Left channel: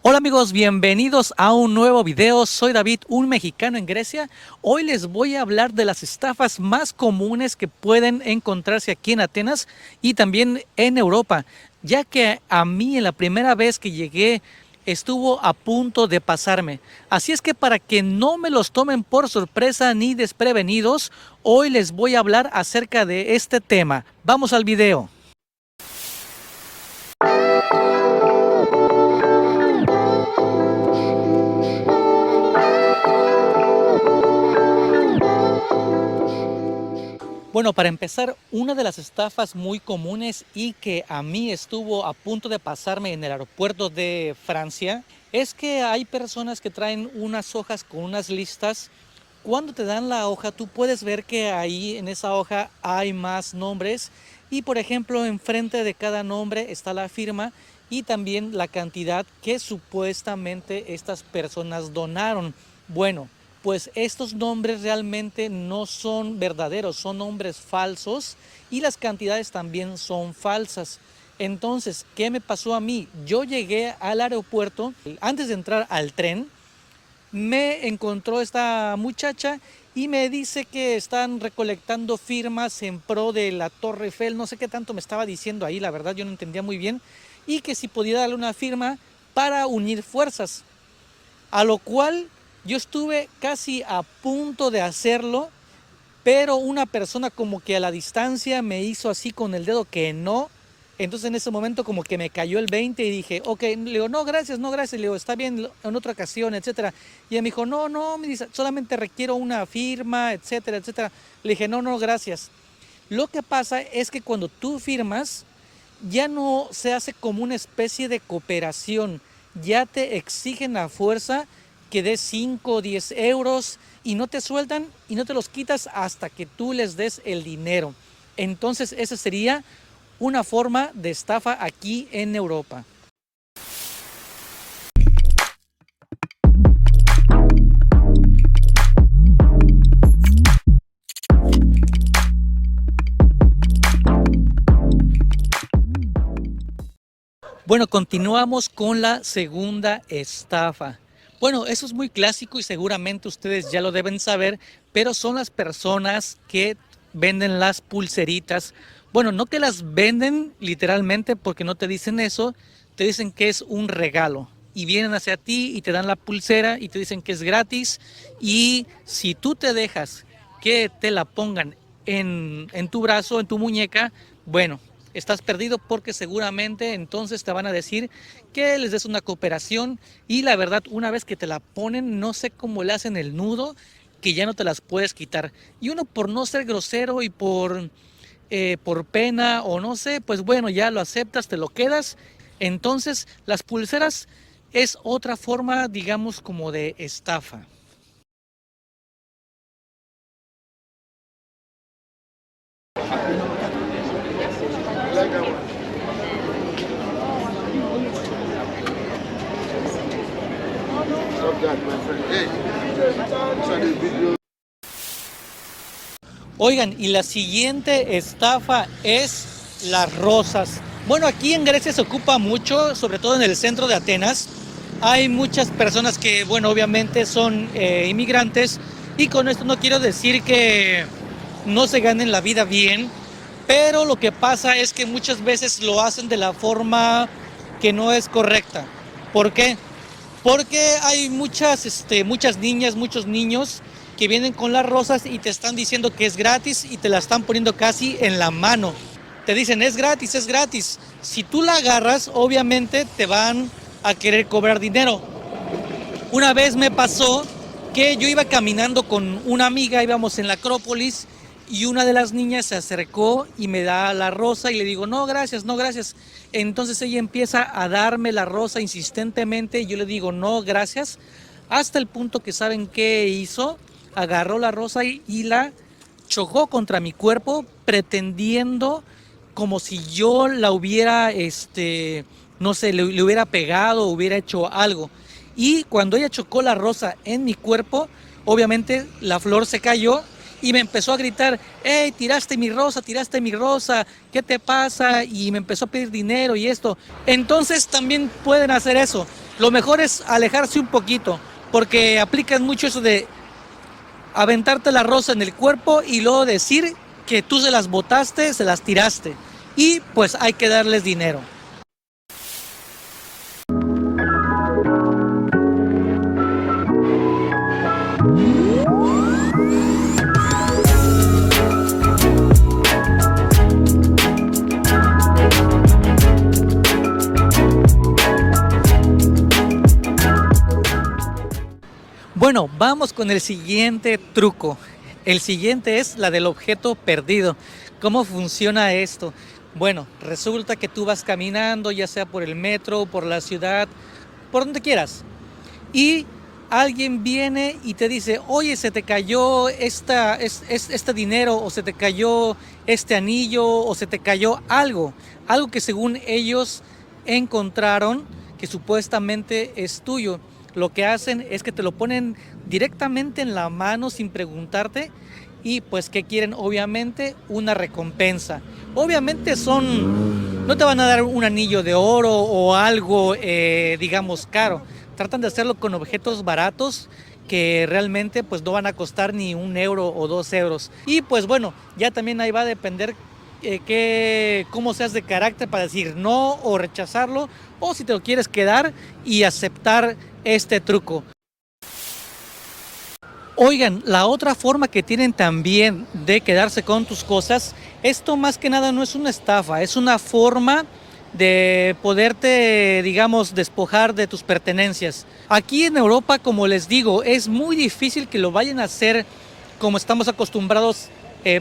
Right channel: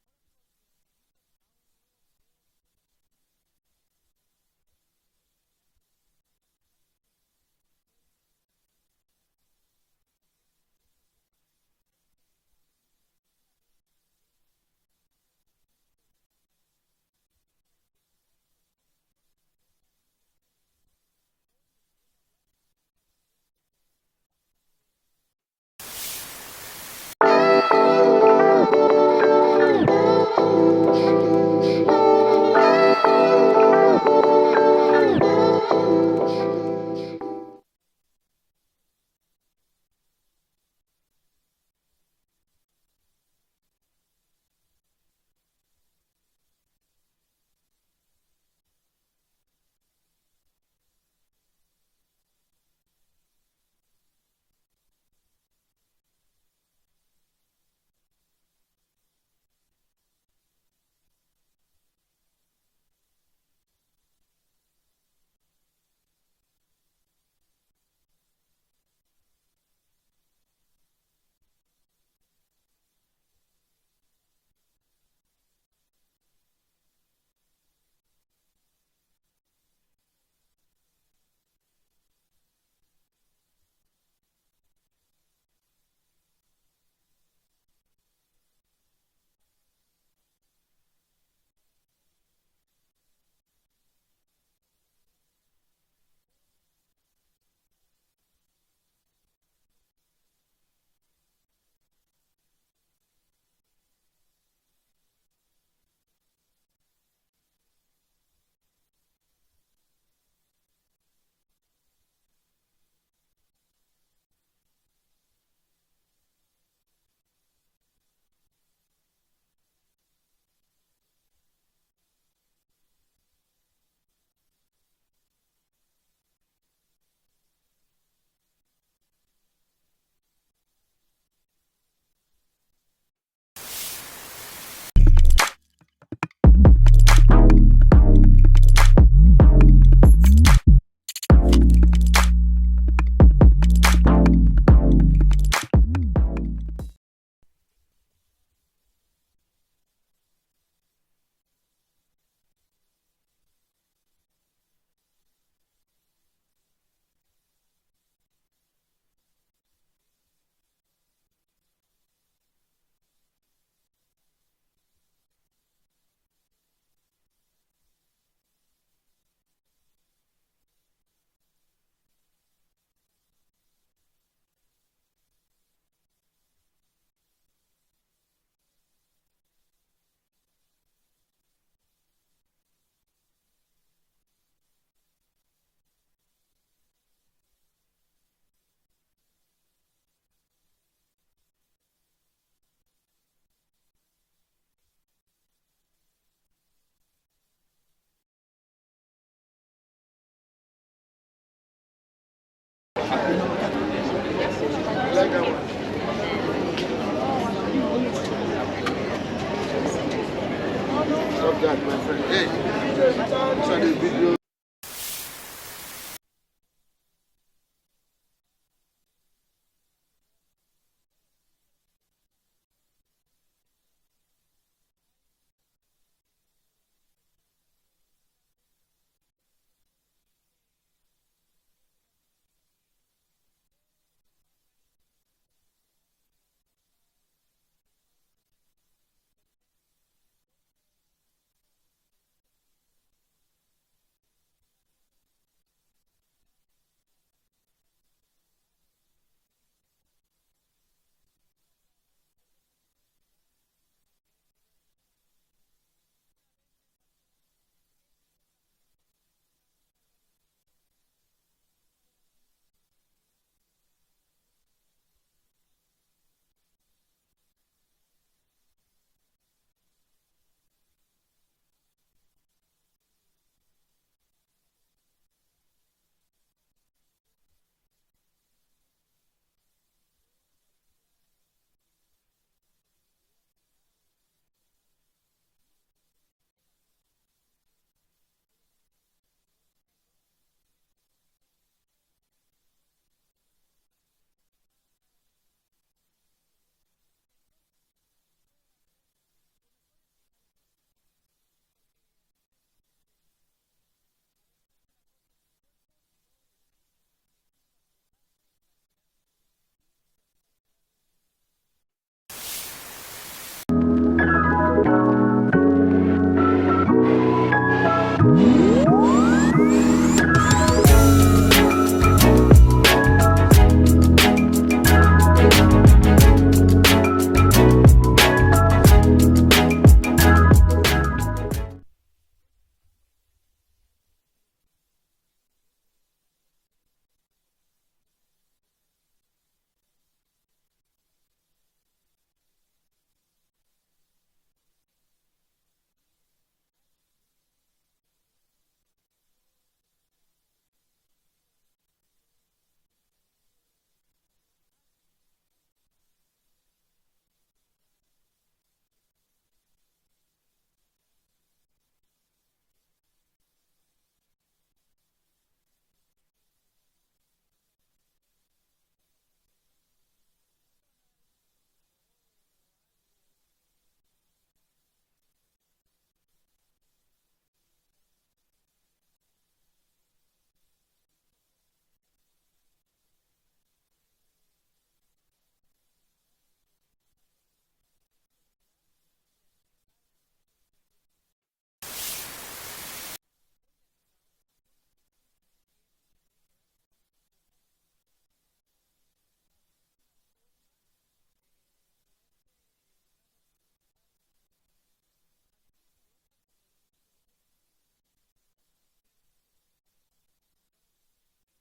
Hola amigos, bienvenidos a un nuevo video. Soy David, un mexicano en Grecia. Hoy les voy a hablar de las estafas más comunes que pueden encontrarse aquí en Atenas y también en Europa, ya que a mí en la primera vez que llegué estuvo a punto de pasarme. Así es que para que no me los tomen por sorpresa ni desprevenidos, hoy les voy a hablar acerca de este tema. Vamos al video. Bueno, para empezar, una de las estafas muy comunes y que a mí estuvo a punto de pasarme en el aeropuerto de Francia es que hay personas que traen unas hojas con unas listas. Cuando te dan la hoja, tú puedes ver que ahí en esa hoja hay más nombres y, por ejemplo, enfrente de cada nombre está la firma y también la cantidad que supuestamente estas personas donaron. Bueno, pues estos nombres realmente no son verdaderos, son nombres falsos y las cantidades también son falsas. Entonces, ¿qué me pasó a mí? Yo llegué al aeropuerto, antes de entrar al tren, me encontró esta muchacha y me dice que están recolectando firmas en pro de la Torre Eiffel, no sé qué tanto me estaba diciendo ahí, la verdad yo no entendía muy bien, y que si podía darle una firma para unir fuerzas. A lo cual yo estuve casi a punto de hacerlo, pero una persona como que a la distancia me hizo así con el dedo que no. Entonces en ese momento como que me cayó el 20 y dije, ok, le digo, no, gracias, no, gracias, le digo, está bien en otra ocasión, etcétera. Y ella me dijo, no, no, me dice, solamente requiero una firma, etcétera, etcétera. Le dije, no, no, gracias. Lo que pasa es que cuando tú firmas, ya no se hace como una especie de cooperación, ya te exigen a fuerza que des 5 o 10 euros y no te sueltan y no te los quitas hasta que tú les des el dinero. Entonces esa sería una forma de estafa aquí en Europa. Bueno, continuamos con la segunda estafa. Bueno, eso es muy clásico y seguramente ustedes ya lo deben saber, pero son las personas que venden las pulseritas. Bueno, no te las venden literalmente porque no te dicen eso, te dicen que es un regalo y vienen hacia ti y te dan la pulsera y te dicen que es gratis y si tú te dejas que te la pongan en tu brazo, en tu muñeca, bueno, estás perdido porque seguramente entonces te van a decir que les des una cooperación y la verdad una vez que te la ponen no sé cómo le hacen el nudo que ya no te las puedes quitar y uno por no ser grosero y por pena o no sé pues bueno ya lo aceptas, te lo quedas. Entonces las pulseras es otra forma digamos como de estafa. Stop that, my friend. Hey, these are the videos. Oigan, y la siguiente estafa es las rosas. Bueno, aquí en Grecia se ocupa mucho, sobre todo en el centro de Atenas. Hay muchas personas que, bueno, obviamente son inmigrantes y con esto no quiero decir que no se ganen la vida bien, pero lo que pasa es que muchas veces lo hacen de la forma que no es correcta. ¿Por qué? Porque hay muchas niñas, muchos niños que vienen con las rosas y te están diciendo que es gratis y te la están poniendo casi en la mano. Te dicen, es gratis, es gratis. Si tú la agarras, obviamente te van a querer cobrar dinero. Una vez me pasó que yo iba caminando con una amiga, íbamos en la Acrópolis y una de las niñas se acercó y me da la rosa y le digo, no, gracias, no, gracias. Entonces ella empieza a darme la rosa insistentemente y yo le digo, no, gracias, hasta el punto que saben qué hizo, agarró la rosa y la chocó contra mi cuerpo pretendiendo como si yo la hubiera, no sé, le hubiera pegado o hubiera hecho algo. Y cuando ella chocó la rosa en mi cuerpo, obviamente la flor se cayó y me empezó a gritar, hey, tiraste mi rosa, ¿qué te pasa? Y me empezó a pedir dinero y esto. Entonces también pueden hacer eso. lo mejor es alejarse un poquito, porque aplican mucho eso de aventarte la rosa en el cuerpo y luego decir que tú se las botaste, se las tiraste. Y pues hay que darles dinero. Bueno, vamos con el siguiente truco. El siguiente es la del objeto perdido. ¿Cómo funciona esto? Bueno, resulta que tú vas caminando, ya sea por el metro, por la ciudad, por donde quieras. Y alguien viene y te dice, oye, se te cayó este dinero, o se te cayó este anillo, o se te cayó algo. Algo que según ellos encontraron que supuestamente es tuyo. Lo que hacen es que te lo ponen directamente en la mano sin preguntarte y pues ¿qué quieren? Obviamente una recompensa. Obviamente no te van a dar un anillo de oro o algo digamos caro. Tratan de hacerlo con objetos baratos que realmente pues no van a costar ni 1 euro o 2 euros. Y pues bueno, ya también ahí va a depender cómo seas de carácter para decir no o rechazarlo, o si te lo quieres quedar y aceptar este truco. Oigan, la otra forma que tienen también de quedarse con tus cosas, esto más que nada no es una estafa, es una forma de poderte, digamos, despojar de tus pertenencias. Aquí en Europa, como les digo, es muy difícil que lo vayan a hacer como estamos acostumbrados,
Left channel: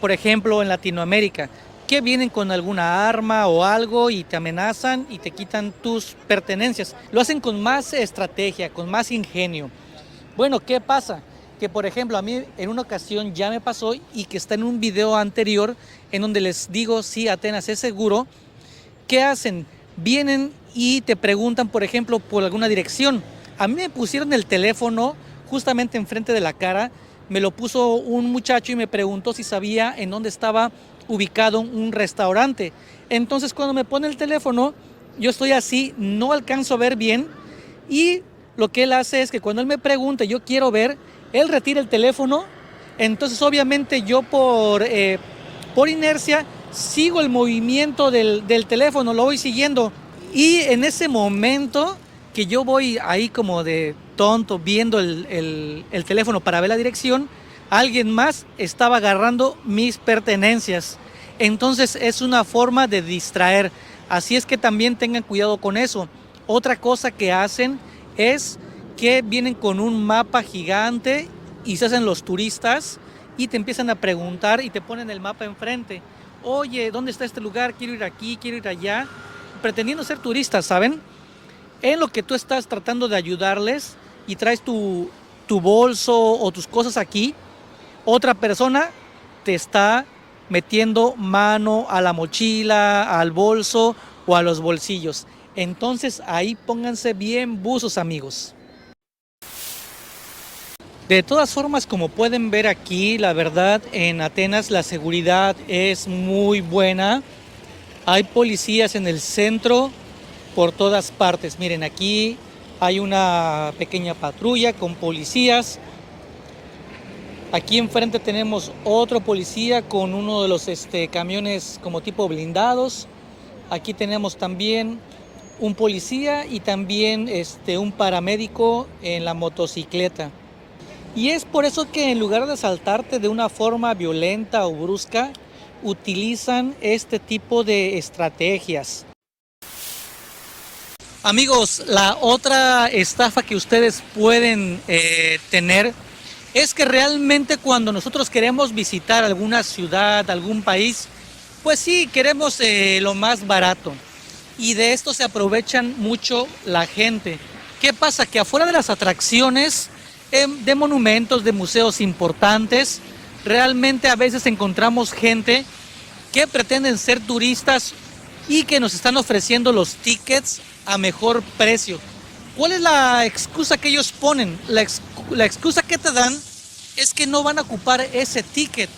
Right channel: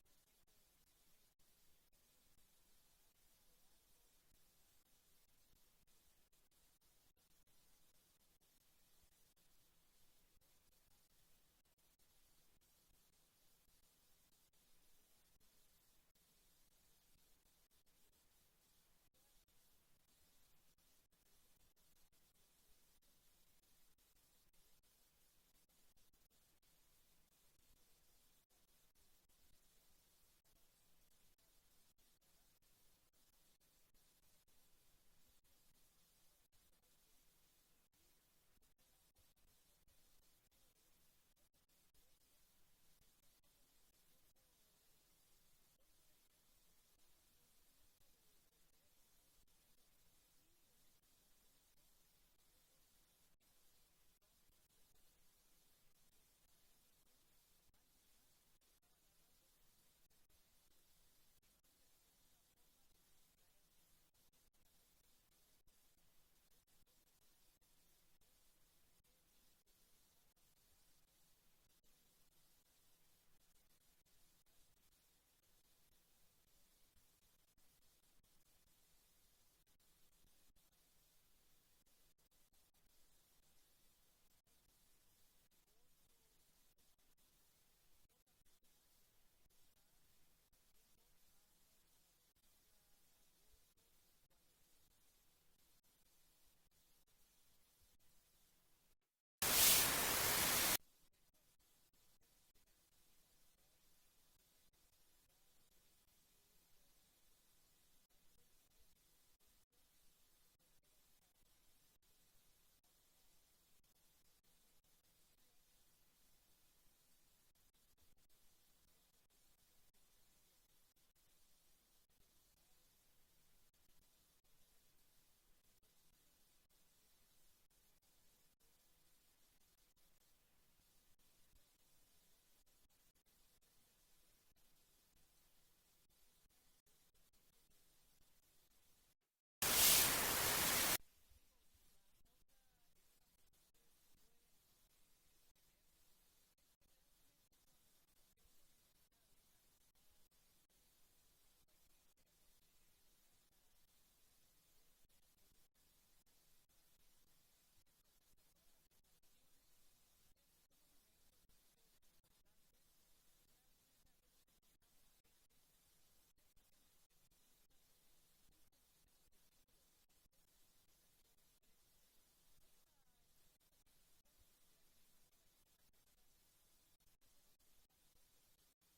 por ejemplo, en Latinoamérica, que vienen con alguna arma o algo y te amenazan y te quitan tus pertenencias. Lo hacen con más estrategia, con más ingenio. Bueno, ¿qué pasa? Que por ejemplo a mí en una ocasión ya me pasó y que está en un video anterior en donde les digo, sí, Atenas es seguro. ¿Qué hacen? Vienen y te preguntan, por ejemplo, por alguna dirección. A mí me pusieron el teléfono justamente enfrente de la cara, me lo puso un muchacho y me preguntó si sabía en dónde estaba ubicado un restaurante. Entonces cuando me pone el teléfono, yo estoy así, no alcanzo a ver bien y lo que él hace es que cuando él me pregunta, yo quiero ver, él retira el teléfono, entonces obviamente yo por inercia sigo el movimiento del teléfono, lo voy siguiendo y en ese momento que yo voy ahí como de tonto viendo el teléfono para ver la dirección, alguien más estaba agarrando mis pertenencias. Entonces es una forma de distraer, así es que también tengan cuidado con eso. Otra cosa que hacen es que vienen con un mapa gigante y se hacen los turistas y te empiezan a preguntar y te ponen el mapa enfrente. Oye, ¿dónde está este lugar? Quiero ir aquí, quiero ir allá. Pretendiendo ser turistas, ¿saben? En lo que tú estás tratando de ayudarles y traes tu bolso o tus cosas aquí, otra persona te está metiendo mano a la mochila, al bolso o a los bolsillos. Entonces ahí pónganse bien buzos, amigos. De todas formas, como pueden ver aquí, la verdad, en Atenas la seguridad es muy buena. Hay policías en el centro por todas partes. Miren, aquí hay una pequeña patrulla con policías. Aquí enfrente tenemos otro policía con uno de los camiones como tipo blindados. Aquí tenemos también un policía y también un paramédico en la motocicleta. Y es por eso que en lugar de asaltarte de una forma violenta o brusca, utilizan este tipo de estrategias. Amigos, la otra estafa que ustedes pueden tener es que realmente cuando nosotros queremos visitar alguna ciudad, algún país, pues sí, queremos lo más barato. Y de esto se aprovechan mucho la gente. ¿Qué pasa? Que afuera de las atracciones de monumentos, de museos importantes, realmente a veces encontramos gente que pretenden ser turistas y que nos están ofreciendo los tickets a mejor precio. ¿Cuál es la excusa que ellos ponen? La excusa que te dan es que no van a ocupar ese ticket.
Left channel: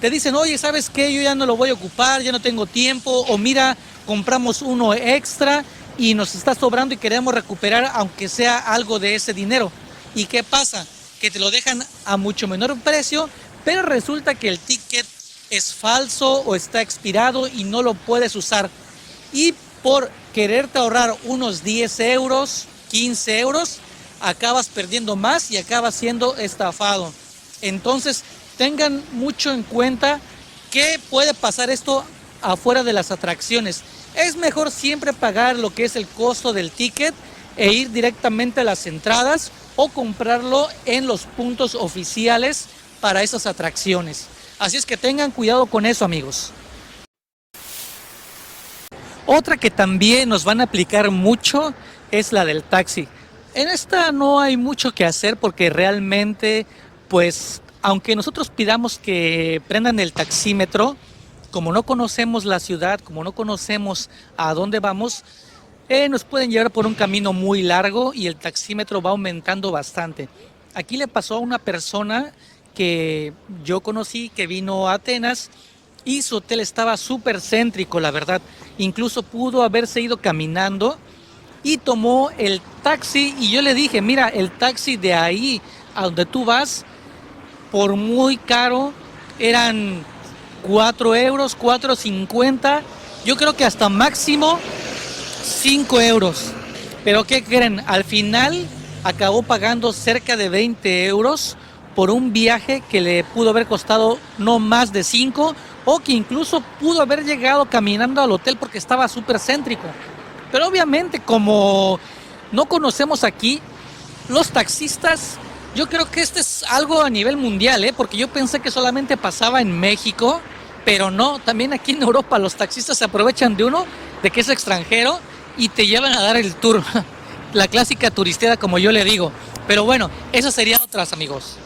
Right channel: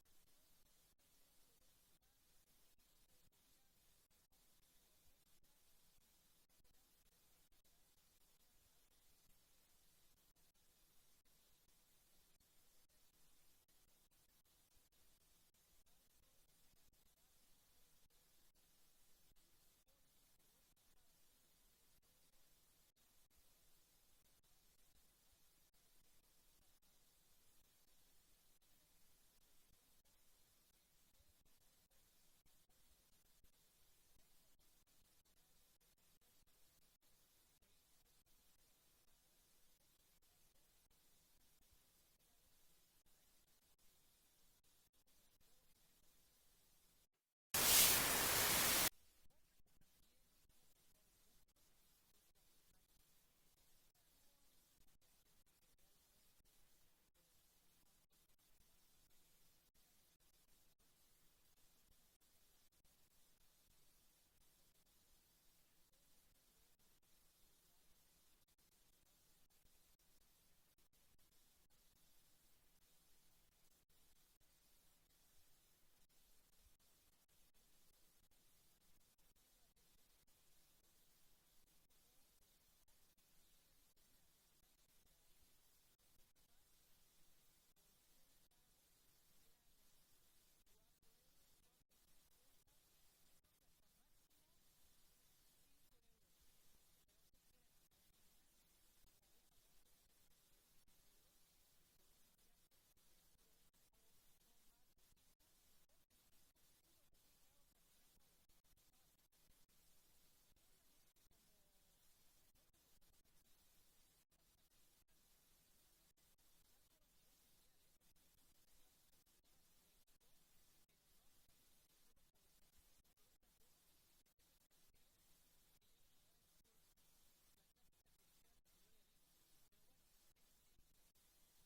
Te dicen, oye, ¿sabes qué? Yo ya no lo voy a ocupar, ya no tengo tiempo, o mira, compramos uno extra y nos está sobrando y queremos recuperar aunque sea algo de ese dinero. ¿Y qué pasa? Que te lo dejan a mucho menor precio, pero resulta que el ticket es falso o está expirado y no lo puedes usar. Y por quererte ahorrar unos 10 euros, 15 euros, acabas perdiendo más y acabas siendo estafado. Entonces, tengan mucho en cuenta que puede pasar esto afuera de las atracciones. Es mejor siempre pagar lo que es el costo del ticket e ir directamente a las entradas o comprarlo en los puntos oficiales para esas atracciones. Así es que tengan cuidado con eso, amigos. Otra que también nos van a aplicar mucho es la del taxi. En esta no hay mucho que hacer porque realmente, pues, aunque nosotros pidamos que prendan el taxímetro, como no conocemos la ciudad, como no conocemos a dónde vamos, nos pueden llevar por un camino muy largo y el taxímetro va aumentando bastante. Aquí le pasó a una persona que yo conocí que vino a Atenas y su hotel estaba súper céntrico, la verdad. Incluso pudo haberse ido caminando y tomó el taxi y yo le dije, mira, el taxi de ahí a donde tú vas, por muy caro, eran 4 euros, 4,50, yo creo que hasta máximo 5 euros. Pero ¿qué creen? Al final acabó pagando cerca de 20 euros por un viaje que le pudo haber costado no más de 5 o que incluso pudo haber llegado caminando al hotel porque estaba súper céntrico. Pero obviamente como no conocemos aquí, los taxistas, yo creo que este es algo a nivel mundial, porque yo pensé que solamente pasaba en México, pero no, también aquí en Europa los taxistas se aprovechan de uno, de que es extranjero y te llevan a dar el tour, la clásica turisteada como yo le digo. Pero bueno, esas serían otras, amigos.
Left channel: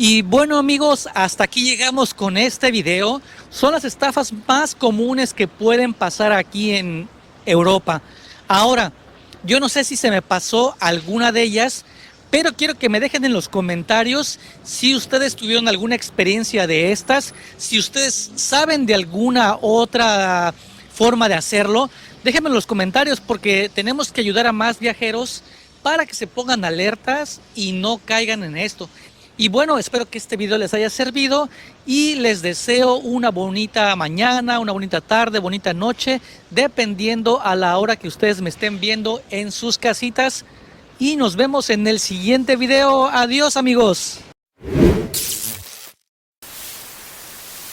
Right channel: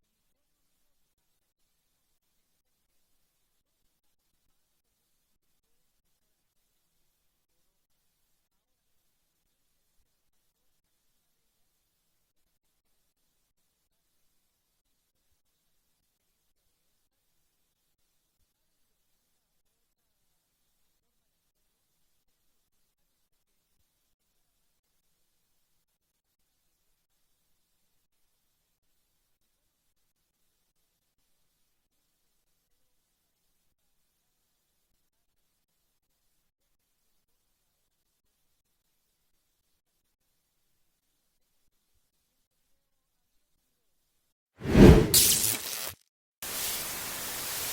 Y bueno, amigos, hasta aquí llegamos con este video. Son las estafas más comunes que pueden pasar aquí en Europa. Ahora, yo no sé si se me pasó alguna de ellas, pero quiero que me dejen en los comentarios si ustedes tuvieron alguna experiencia de estas, si ustedes saben de alguna otra forma de hacerlo. Déjenme en los comentarios porque tenemos que ayudar a más viajeros para que se pongan alertas y no caigan en esto. Y bueno, espero que este video les haya servido y les deseo una bonita mañana, una bonita tarde, bonita noche, dependiendo a la hora que ustedes me estén viendo en sus casitas. Y nos vemos en el siguiente video. Adiós, amigos.